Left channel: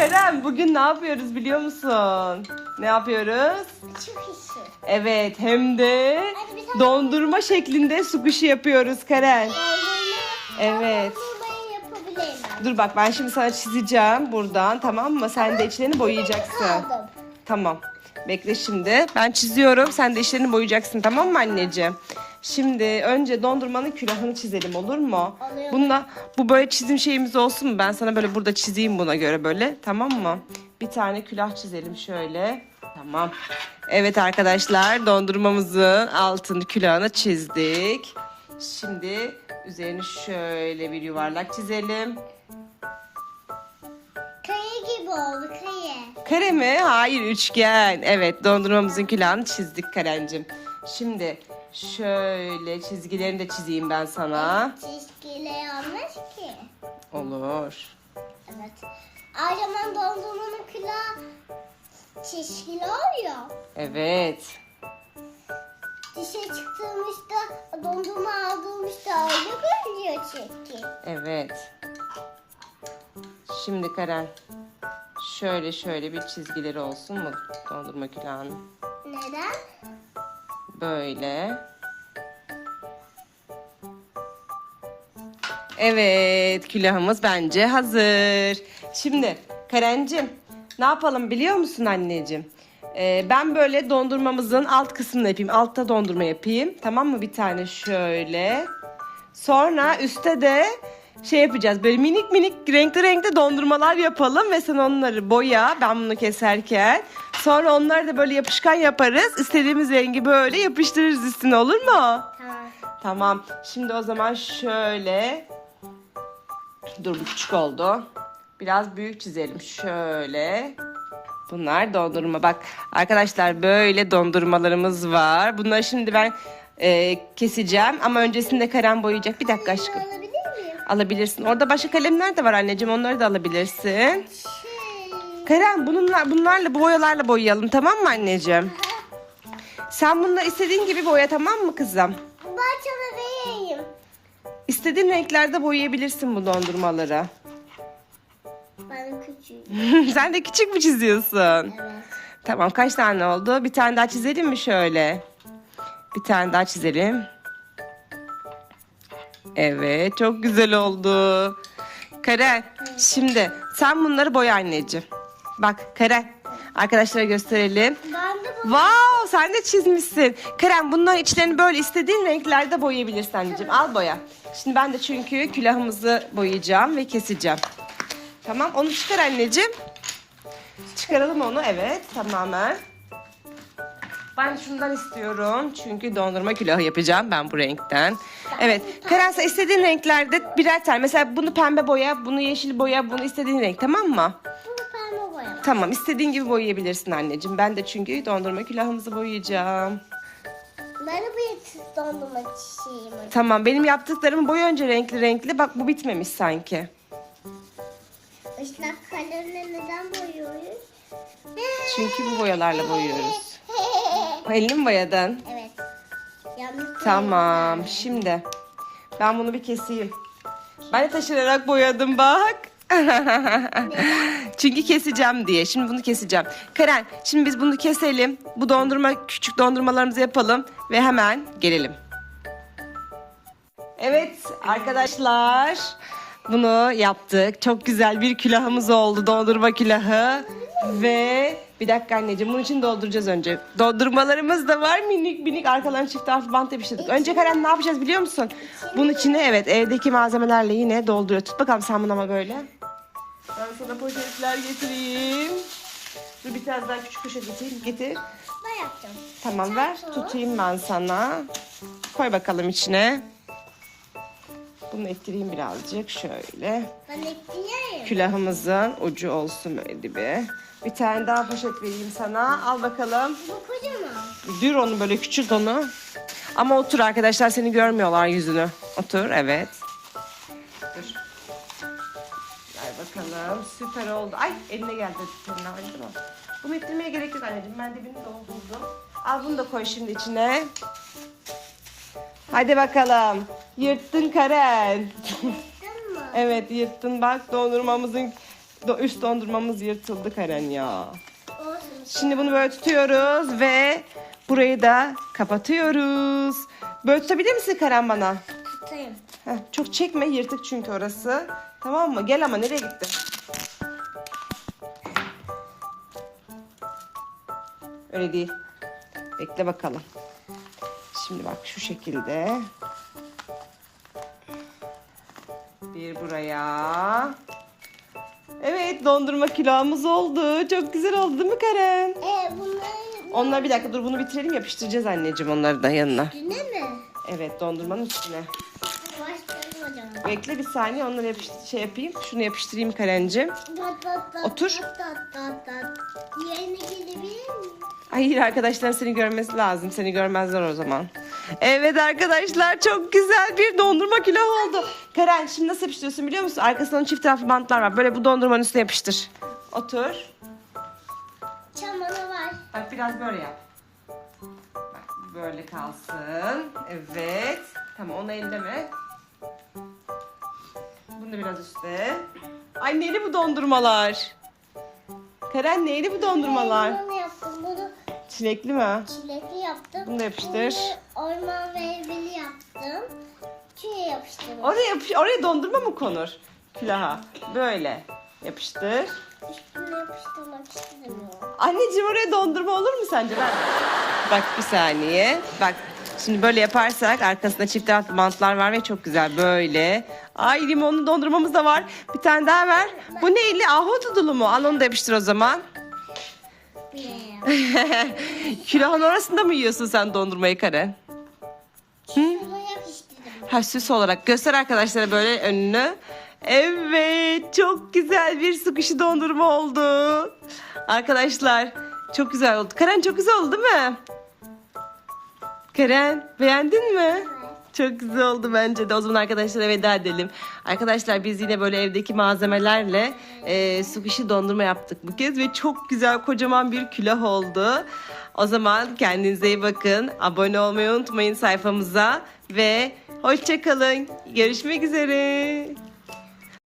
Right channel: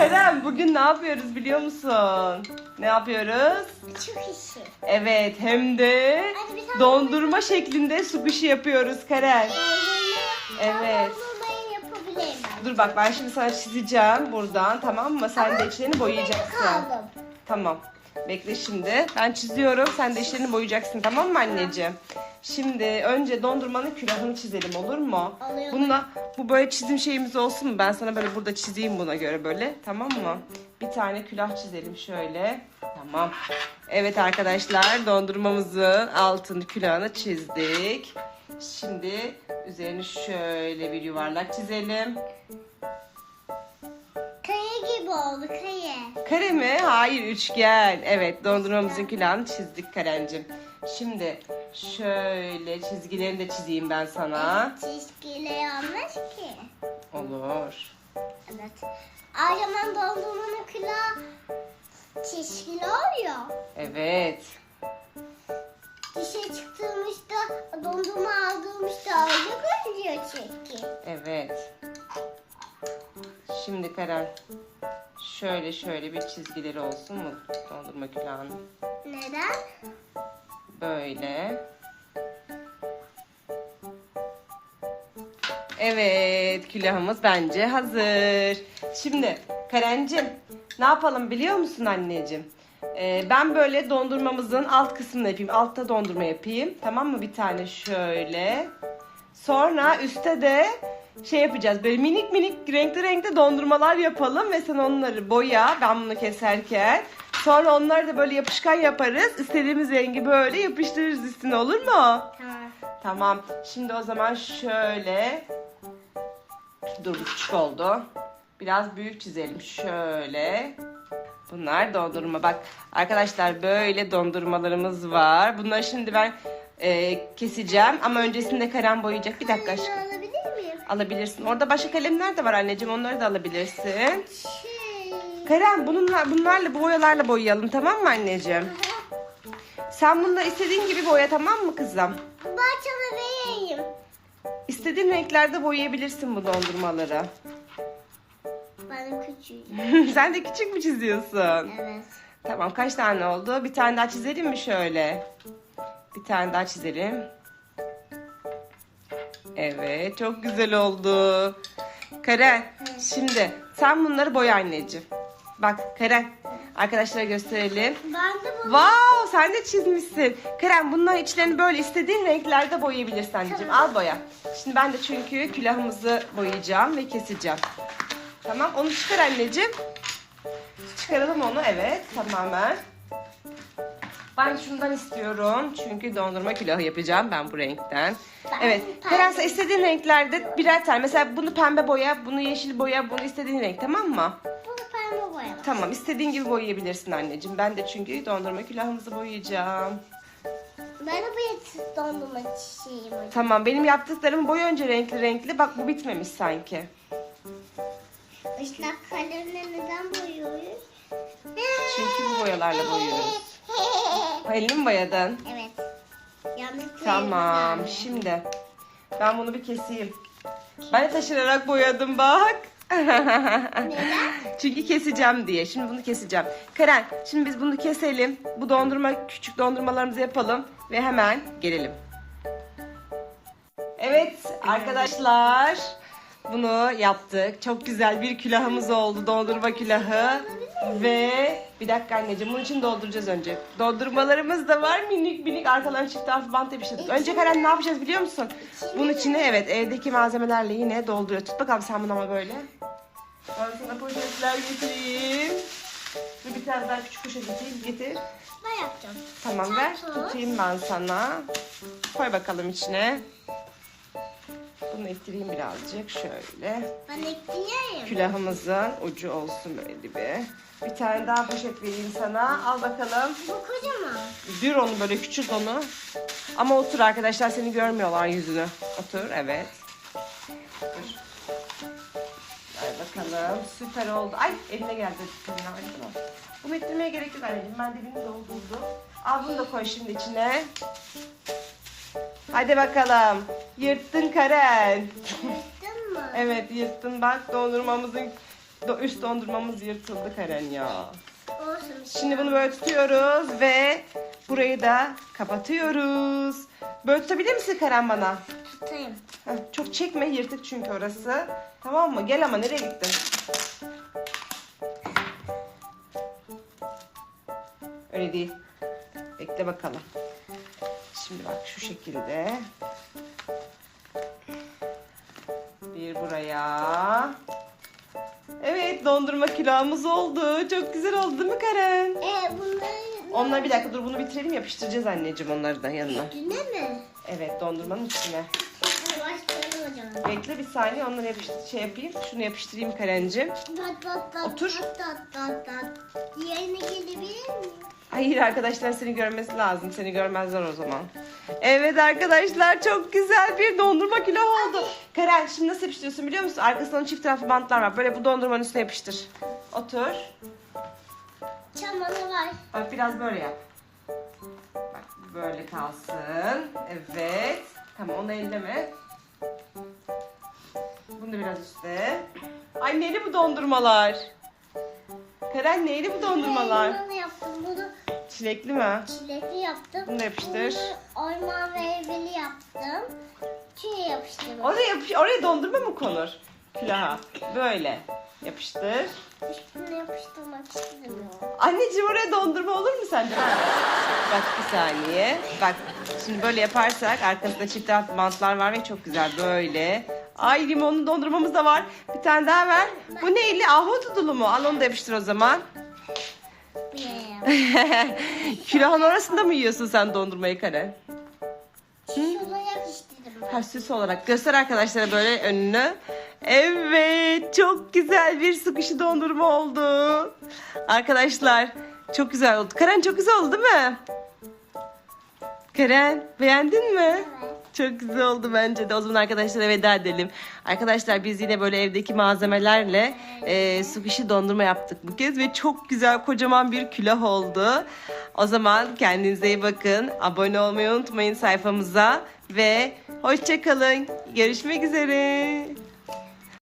Kerem bugün ne yapıyoruz biliyor musun? Ne yapıyoruz? İşi. Evet hem de Hadi bir tane dondurma şeklinde sushi yapıyoruz Karen. Evet. Dondurmayı yapabilirim ben. Dur bak ben şimdi sana çizeceğim buradan tamam mı? Sen de içlerini boyayacaksın. Kaldım. Tamam. Bekle şimdi. Ben çiziyorum. Sen de işlerini boyayacaksın tamam mı anneciğim? Şimdi önce dondurmanın külahını çizelim olur mu? Oluyor. Bununla bu böyle çizim şeyimiz olsun mu? Ben sana böyle burada çizeyim buna göre böyle. Tamam mı? Bir tane külah çizelim şöyle. Tamam. Evet arkadaşlar dondurmamızın altın külahını çizdik. Şimdi üzerini şöyle bir yuvarlak çizelim. Gibi oldu kaya. Kare mi? Hayır üçgen. Evet dondurmamızın külahını çizdik Karencim. Şimdi şöyle çizgilerini de çizeyim ben sana. Çizgiyle yanlış ki. Olur. Evet. Aynen dondurmanın külahı çizgili oluyor. Evet. Dışarı çıktığımızda dondurma aldığımızda öyle görünüyor çünkü. Evet. Şimdi Karen şöyle şöyle bir çizgileri olsun mu dondurma külahının? Neden? Böyle. Evet, külahımız bence hazır. Şimdi Karencim, ne yapalım biliyor musun anneciğim? Ee, ben böyle dondurmamızın alt kısmını yapayım. Altta dondurma yapayım. Tamam mı? Bir tane şöyle. Sonra üstte de şey yapacağız. Böyle minik minik renkli renkli dondurmalar yapalım ve sen onları boya. Ben bunu keserken. Sonra onları da böyle yapışkan yaparız. İstediğimiz rengi böyle yapıştırırız üstüne olur mu? Tamam. Tamam. Şimdi o zaman şöyle. Dur bu küçük oldu. Biraz büyük çizelim. Şöyle. Bunlar dondurma. Bak arkadaşlar böyle dondurmalarımız var. Bunları şimdi ben e, keseceğim. Ama öncesinde kalem boyayacak. Bir dakika aşkım. Alabilirsin. Orada başka kalemler de var anneciğim. Onları da alabilirsin. Şey. Kerem bununla, bunlarla bu boyalarla boyayalım tamam mı anneciğim? Sen bunları istediğin gibi boya tamam mı kızım? Bahçeme vereyim. İstediğin renklerde boyayabilirsin bu dondurmaları. Ben küçüğüm. Sen de küçük mü çiziyorsun? Evet. Tamam kaç tane oldu? Bir tane daha çizelim mi şöyle? Bir tane daha çizelim. Evet çok güzel oldu. Karen şimdi sen bunları boya anneciğim. Bak Karen arkadaşlara gösterelim. Ben de bu. Wow sen de çizmişsin. Kerem bunların içlerini böyle istediğin renklerde boyayabilirsin anneciğim. Al boya. Şimdi ben de çünkü külahımızı boyayacağım ve keseceğim. Tamam onu çıkar anneciğim. Çıkaralım onu evet tamamen. Ben şundan istiyorum çünkü dondurma külahı yapacağım ben bu renkten. Evet Kerem sen istediğin renklerde birer tane. Mesela bunu pembe boya, bunu yeşil boya, bunu istediğin renk tamam mı? Bu pembe boya. Tamam istediğin gibi boyayabilirsin anneciğim. Ben de çünkü dondurma külahımızı boyayacağım. Ben de bu dondurma çiçeğim. Tamam benim yaptıklarım boy önce renkli renkli. Bak bu bitmemiş sanki. Işlak kalemle neden boyuyoruz? Çünkü bu boyalarla boyuyoruz. Elini mi boyadın? Evet. Yanlış Tamam şimdi ben bunu bir keseyim. Ben de taşırarak boyadım bak. Çünkü keseceğim diye. Şimdi bunu keseceğim. Karen şimdi biz bunu keselim. Bu dondurma küçük dondurmalarımızı yapalım ve hemen gelelim. Evet arkadaşlar bunu yaptık. Çok güzel bir külahımız oldu. Dondurma külahı. Ve bir dakika anneciğim bunun için dolduracağız önce. Dondurmalarımız da var minik minik arkalarını çift taraflı bant yapıştırdık. Önce Karen ne yapacağız biliyor musun? Bunun içine evet evdeki malzemelerle yine dolduruyor. Tut bakalım sen bunu ama böyle. Ben sana poşetler getireyim. Dur bir tane daha küçük poşet getireyim. Getir. Ben yapacağım. Tamam ver. Tutayım ben sana. Koy bakalım içine. Bunu ettireyim birazcık şöyle. Ben ekleyeyim. Külahımızın ucu olsun böyle bir. Bir tane daha poşet vereyim sana. Al bakalım. Bu kocaman. Dür onu böyle küçük onu. Ama otur arkadaşlar seni görmüyorlar yüzünü. Otur evet. Dur. Ver bakalım. Süper oldu. Ay eline geldi. Bunu ettirmeye gerek yok anneciğim. Ben dibini doldurdum. Al bunu da koy şimdi içine. Hadi bakalım. Yırttın Karen. Yırttın mı? evet yırttın bak dondurmamızın do- üst dondurmamız yırtıldı Karen ya. Olsun. Şimdi bunu böyle tutuyoruz ve burayı da kapatıyoruz. Böyle tutabilir misin Karen bana? tutayım. Heh, çok çekme yırtık çünkü orası. Tamam mı? Gel ama nereye gittin? Öyle değil. Bekle bakalım. Şimdi bak şu şekilde. Bir buraya. Evet dondurma külahımız oldu. Çok güzel oldu değil mi Karen? E bunları Onlar bir dakika dur bunu bitirelim yapıştıracağız anneciğim onları da yanına. güne mi? Evet dondurmanın üstüne. Zaman. Bekle bir saniye onları yapıştır şey yapayım. Şunu yapıştırayım Karencim. Dat, dat, dat, Otur. Dat, dat, dat, dat. Diğerine gelebilir miyim? Hayır arkadaşlar seni görmesi lazım. Seni görmezler o zaman. Evet arkadaşlar çok güzel bir dondurma kilo oldu. Karen şimdi nasıl yapıştırıyorsun biliyor musun? Arkasından çift taraflı bantlar var. Böyle bu dondurmanın üstüne yapıştır. Otur. Çamanı var. Bak biraz böyle yap. Bak böyle kalsın. Evet. Tamam onu elleme. Bunu biraz üstte. Ay neyli bu dondurmalar? Karen neyli bu dondurmalar? Ben bunu yaptım. Bunu Çilekli mi? çilekli yaptım. Bunu da yapıştır. Bunu orman meyveli yaptım. Tüye yapıştırdım. Oraya yapış oraya dondurma mı konur? Külaha. Böyle. Yapıştır. Üstüne yapıştırmak istemiyorum. Anneciğim oraya dondurma olur mu sence? Bak bir saniye. Bak şimdi böyle yaparsak arkasında çift taraflı bantlar var ve çok güzel böyle. Ay limonlu dondurmamız da var. Bir tane daha ver. Bu neyli? Ahududulu mu? Al onu da yapıştır o zaman. Külahın arasında mı yiyorsun sen dondurmayı Karen? Yapıştırdım. Ha süs olarak. Göster arkadaşlara böyle önünü. Evet çok güzel bir sukuşi dondurma oldu. Arkadaşlar çok güzel oldu. Karen çok güzel oldu değil mi? Karen beğendin mi? Çok güzel oldu bence de. O zaman arkadaşlara veda edelim. Arkadaşlar biz yine böyle evdeki malzemelerle e, sukuşi dondurma yaptık bu kez. Ve çok güzel kocaman bir külah oldu. O zaman kendinize iyi bakın. Abone olmayı unutmayın sayfamıza. Ve hoşçakalın. Görüşmek üzere.